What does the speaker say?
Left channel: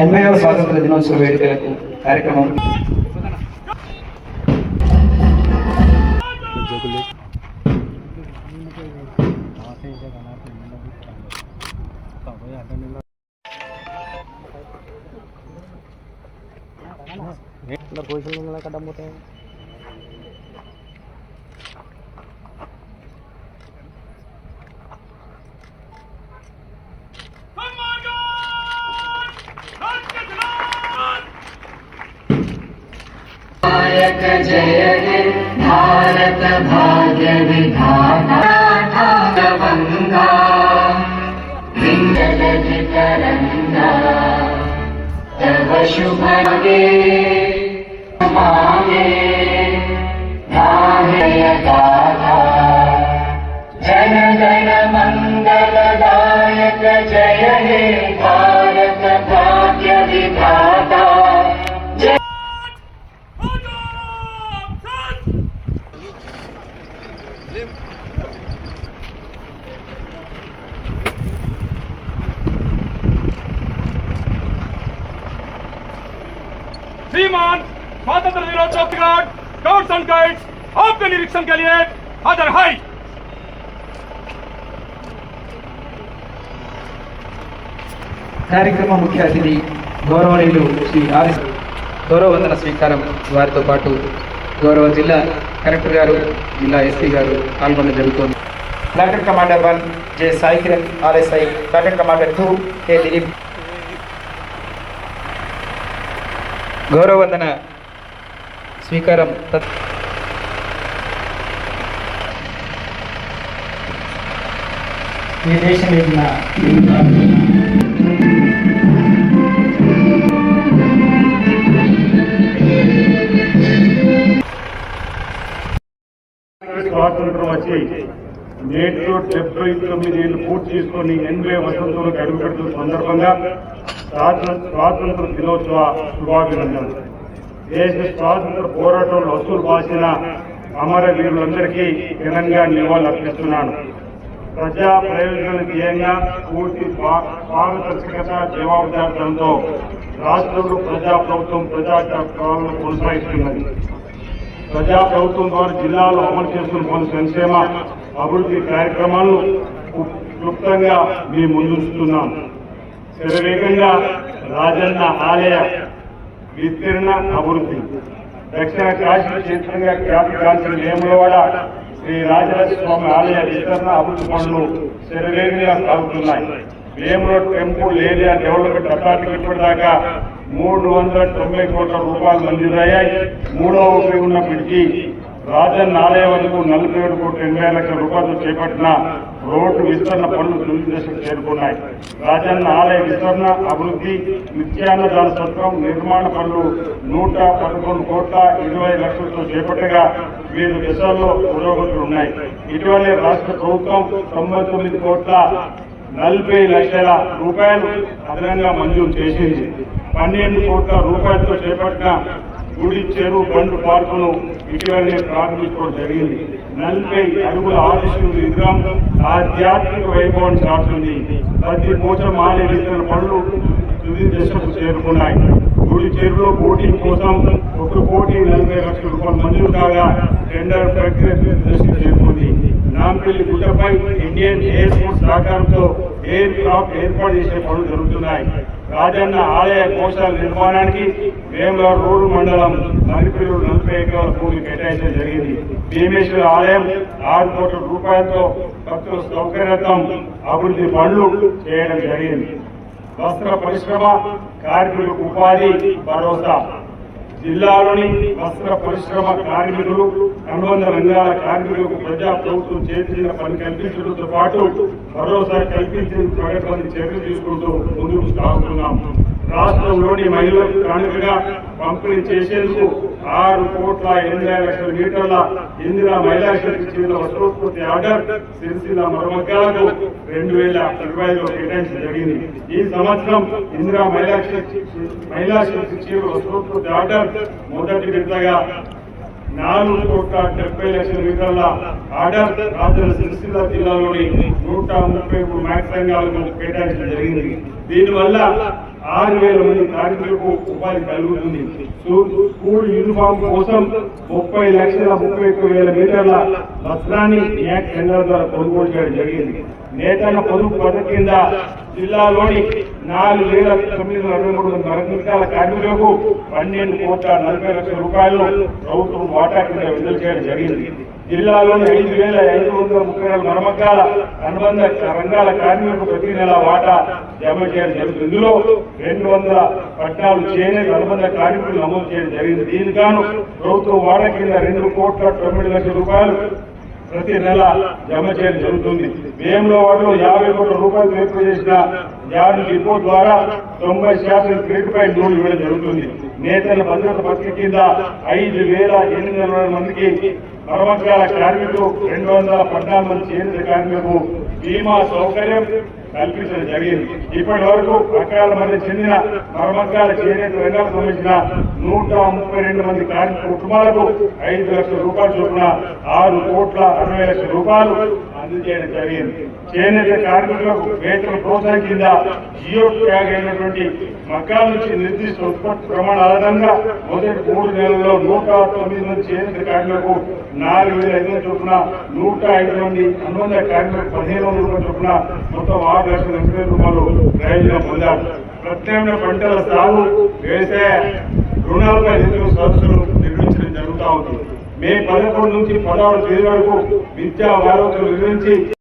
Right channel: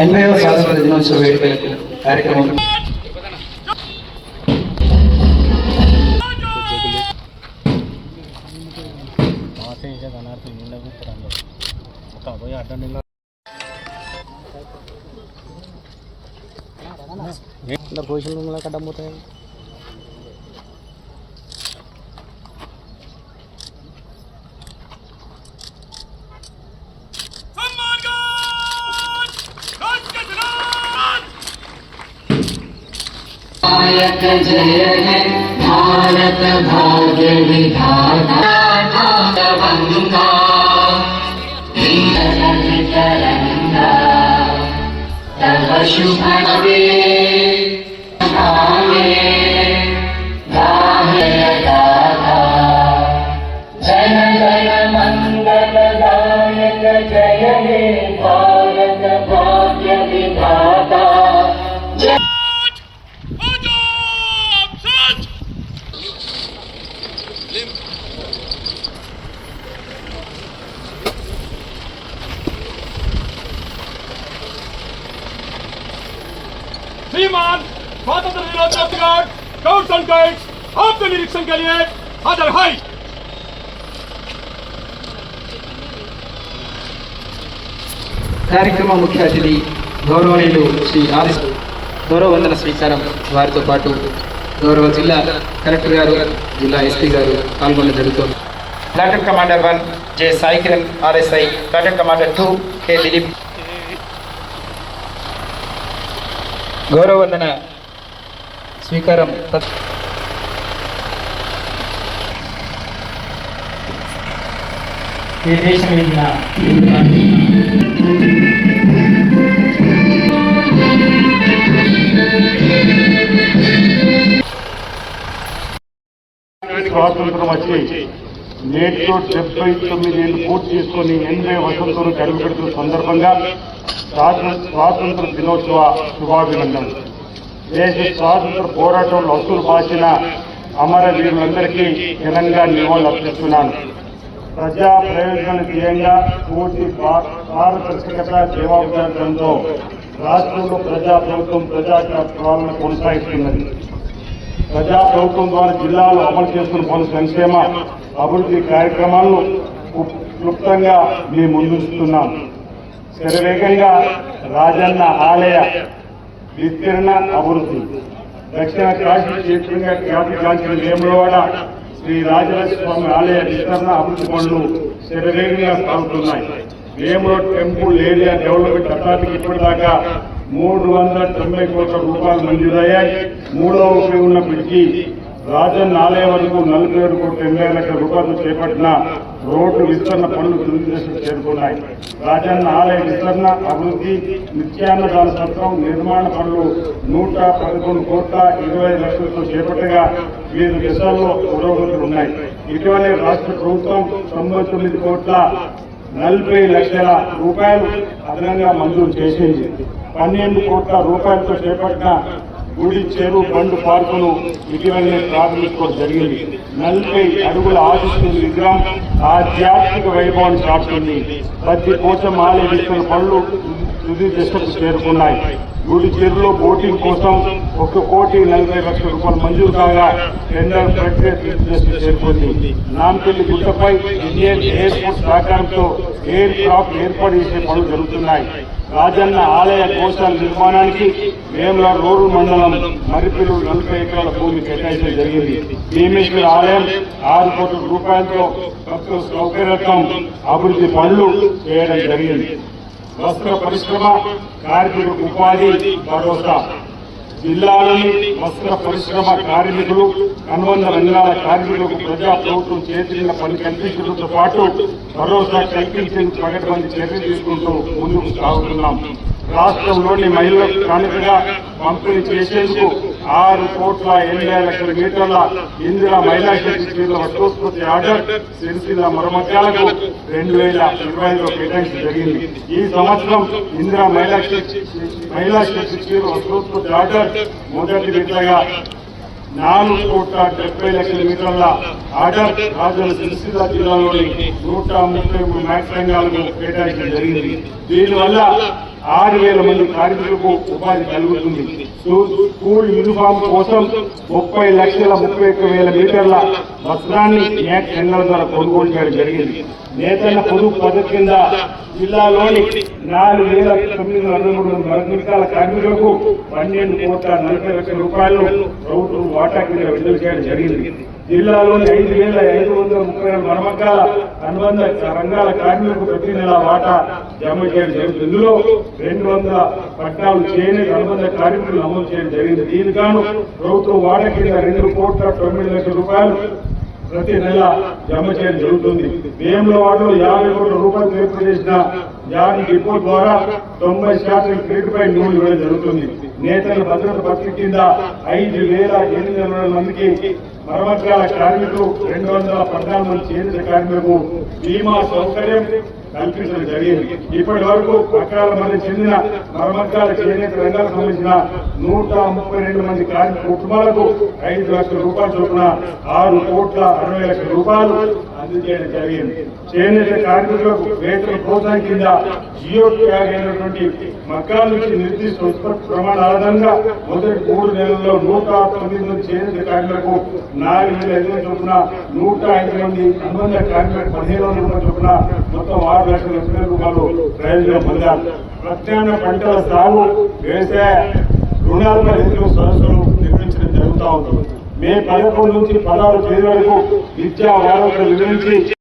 80వ స్వాతంత్ర దినోత్సవ వేడుక కార్యక్రమం जय हे भारत भाग्य विधाता वंदा तरंगा तव शुभ जन गण मंगलदायक जय हे भारत भाग्य विधाता श्रीमान स्वतंत्र दिनोत्सव स्काउट्स एंड गाइड्स आपके निरीक्षण के लिए हाजिर है। కార్యక్రమ ముఖ్య అతిథి గౌరవనీయులు శ్రీ ఆర్ఎస్ గౌరవ వందన స్వీకారం వారితో పాటు గౌరవ జిల్లా కలెక్టర్ గారు జిల్లా ఎస్పీ గారు పాల్గొనడం జరుగుతుంది. Platoon commander 1 J Sai Kiran RSI, platoon commander 2 K Dilip గౌరవ వందన స్వీకారం ఈ దేశం ఇచ్చిన స్వాతంత్రం వచ్చి నేటితో 79 ఏళ్ళు పూర్తి చేసుకొని 80వ వసంతంలో అడుగుపెడుతున్న సందర్భంగా స్వాతంత్ర దినోత్సవ శుభాభినందనలు. దేశ స్వాతంత్ర పోరాటంలో అసులు బాసిన అమరవీరులందరికీ ఘనంగా నివాళులు అర్పిస్తున్నాను. ప్రజా ప్రయోజనం ధ్యేయంగా పూర్తి పారదర్శకత జవాబుదారితనంతో రాష్ట్రంలో ప్రజాప్రభుత్వం పాలన కొనసాగిస్తున్నది. ప్రజాప్రభుత్వం ద్వారా జిల్లాలో అమలు చేస్తున్న పలు సంక్షేమ అభివృద్ధి కార్యక్రమాలను క్లుప్తంగా మేము ముందుస్తున్నాం. శరవేగంగా రాజన్న ఆలయ విస్తీర్ణ అభివృద్ధి, దక్షిణ కాశీ క్షేత్రంగా ఖ్యాతిగాంచిన వేములవాడ శ్రీ రాజరాజేశ్వర స్వామి ఆలయ విస్తరణ అభివృద్ధి పనులు శరవేగంగా సాగుతున్నాయి. వేములవాడ టెంపుల్ ఏరియా డెవలప్మెంట్ అథారిటీకి ఇప్పటిదాకా 390 కోట్ల రూపాయలు మంజూరయ్యాయి. 3వ ఉపయోగ బ్రిడ్జి రాజన్న ఆలయం వరకు 47 కోట్ల 80 లక్షల రూపాయలు చేపట్టిన రోడ్డు విస్తరణ పనులు తొలి దశకు చేరుకున్నాయి. రాజన్న ఆలయ విస్తరణ అభివృద్ధి, నిత్యాన్నదాన సత్రం నిర్మాణ పనులు 111 కోట్ల 20 లక్షలతో చేపట్టగా వివిధ దేశాల్లో పురోగతులు ఉన్నాయి. ఇటీవలే రాష్ట్ర ప్రభుత్వం 99 కోట్ల 40 లక్షల రూపాయలు అదనంగా మంజూరు చేసింది. 12 కోట్ల రూపాయలతో చేపట్టిన గుడి చెరువు బండు పార్కును ఇటీవలే ప్రారంభించడం జరిగింది. 40 అడుగుల ఆశిస్తు విగ్రహం ఆధ్యాత్మిక వైభవాన్ని చాటుతుంది. ప్రతి కోసం ఆలయ విస్తరణ పనులు తుది దశకు చేరుతున్నాయి. గుడి చెరువులో బోటింగ్ కోసం 1,40,40 లక్షల రూపాయలు మంజూరు కాగా టెండర్ దశకు చేరుతుంది. నాంపల్లి గుట్టపై ఇండియన్ ఎయిర్ ఫోర్స్ సహకారంతో ఎయిర్ క్రాఫ్ట్ ఏర్పాటు చేసే పనులు జరుగుతున్నాయి. రాజన్న ఆలయ గోశాల నిర్మాణానికి వేములవాడ రోడ్డు మండలం మరిపిల్లు 40 ఎకరాల భూమి కేటాయించడం జరిగింది. భీమేశ్వర ఆలయం 6 కోట్ల రూపాయలతో భక్తుల సౌకర్యతం అభివృద్ధి పనులు చేయడం జరిగింది. వస్త్ర పరిశ్రమ కార్మికులకు ఉపాధి భరోసా, జిల్లాలోని వస్త్ర పరిశ్రమ కార్మికులు అనుబంధ రంగాల కార్మికులకు ప్రజా ప్రభుత్వం చేతున్న పని కల్పించడంతో పాటు భరోసా కల్పించే ప్రకటన చర్యలు తీసుకుంటూ ముందుకు సాగుతున్నాం. రాష్ట్రంలోని మహిళలకు కానుకగా పంపిణీ చేసేందుకు 6 కోట్ల 80 లక్షల మీటర్ల ఇందిరా మహిళా శక్తి వస్తోత్పత్తి ఆర్డర్ సిరిసిల్ల మరమ్మతులకు 2025లో కేటాయించడం జరిగింది. ఈ సంవత్సరం ఇందిరా మహిళా శక్తి వస్తోత్పత్తి ఆర్డర్ మొదటి విడతగా 4 కోట్ల 70 లక్షల మీటర్ల ఆర్డర్ రాజధాని సిరిసిల్ల జిల్లాలోని 133 మ్యాక్స్ రంగాలకు కేటాయించడం జరిగింది. దీనివల్ల 6,000 మంది కార్మికులకు ఉపాధి కలుగుతుంది. స్కూల్ యూనిఫామ్ కోసం 30,31,000 మీటర్ల వస్త్రాన్ని న్యాక్ సంఘాల ద్వారా కొనుగోలు చేయడం జరిగింది. నేతన్న పొదుపు పథకం కింద జిల్లాలోని 4,923 వర్గీకరణ కార్మికులకు 12,40,00,000 రూపాయలు ప్రభుత్వం వాటా కింద విడుదల చేయడం జరిగింది. జిల్లాలోని 5,534 మరమ్మకాల అనుబంధ రంగాల కార్మికులకు ప్రతి నెల వాటా జమ చేయడం జరుగుతుంది. ఇందులో 214 చేనేత అనుబంధ కార్మికులు నమోదు చేయడం జరిగింది. దీనికి గాను ప్రభుత్వం వాటా కింద 2,90,00,000 రూపాయలు ప్రతి నెల జమ చేయడం జరుగుతుంది. వ్యయంలో వాటిలో 50 కోట్ల రూపాయలు ఏర్పాటు చేసిన జాబ్ డిపో ద్వారా 90% క్రెడిట్పై లోన్ ఇవ్వడం జరుగుతుంది. నేతల భద్రత పథకం కింద 5,820 మందికి మరమ్మతుల కార్మికులు 214 మంది చేనేత కార్మికులకు బీమా సౌకర్యం కల్పించడం జరిగింది. ఇప్పటి వరకు అకాల మధ్య చెందిన మరమ్మతుల చేనేత రంగాలకు సంబంధించిన 132 మంది కార్మిక కుటుంబాలకు 5 లక్షల రూపాయల చొప్పున 6,60,00,000 రూపాయలు అందజేయడం జరిగింది. చేనేత కార్మికులకు వేతన ప్రోత్సాహం కింద జియో ట్యాగ్ అయినటువంటి మక్కాల నుంచి నిర్దిష్ట ఉత్పత్తి ప్రమాణాల ఆధారంగా మొదటి 3 నెలల్లో 109 మంది చేనేత కార్మికులకు 4,500 చొప్పున 105 మంది అనుబంధ కార్మికులకు 1,500 రూపాయల చొప్పున మొత్తం 6,80,000 రూపాయలు ప్రయోజనం పొందారు. ప్రత్యామ్నాయ పంటల సాగు, వ్యవసాయ రుణాలపై రైతులు సదస్సులు నిర్వహించడం జరుగుతూ ఉంది. మే 11 నుంచి 16 తేదీ వరకు విద్యా వారోత్సవాలు నిర్వహించి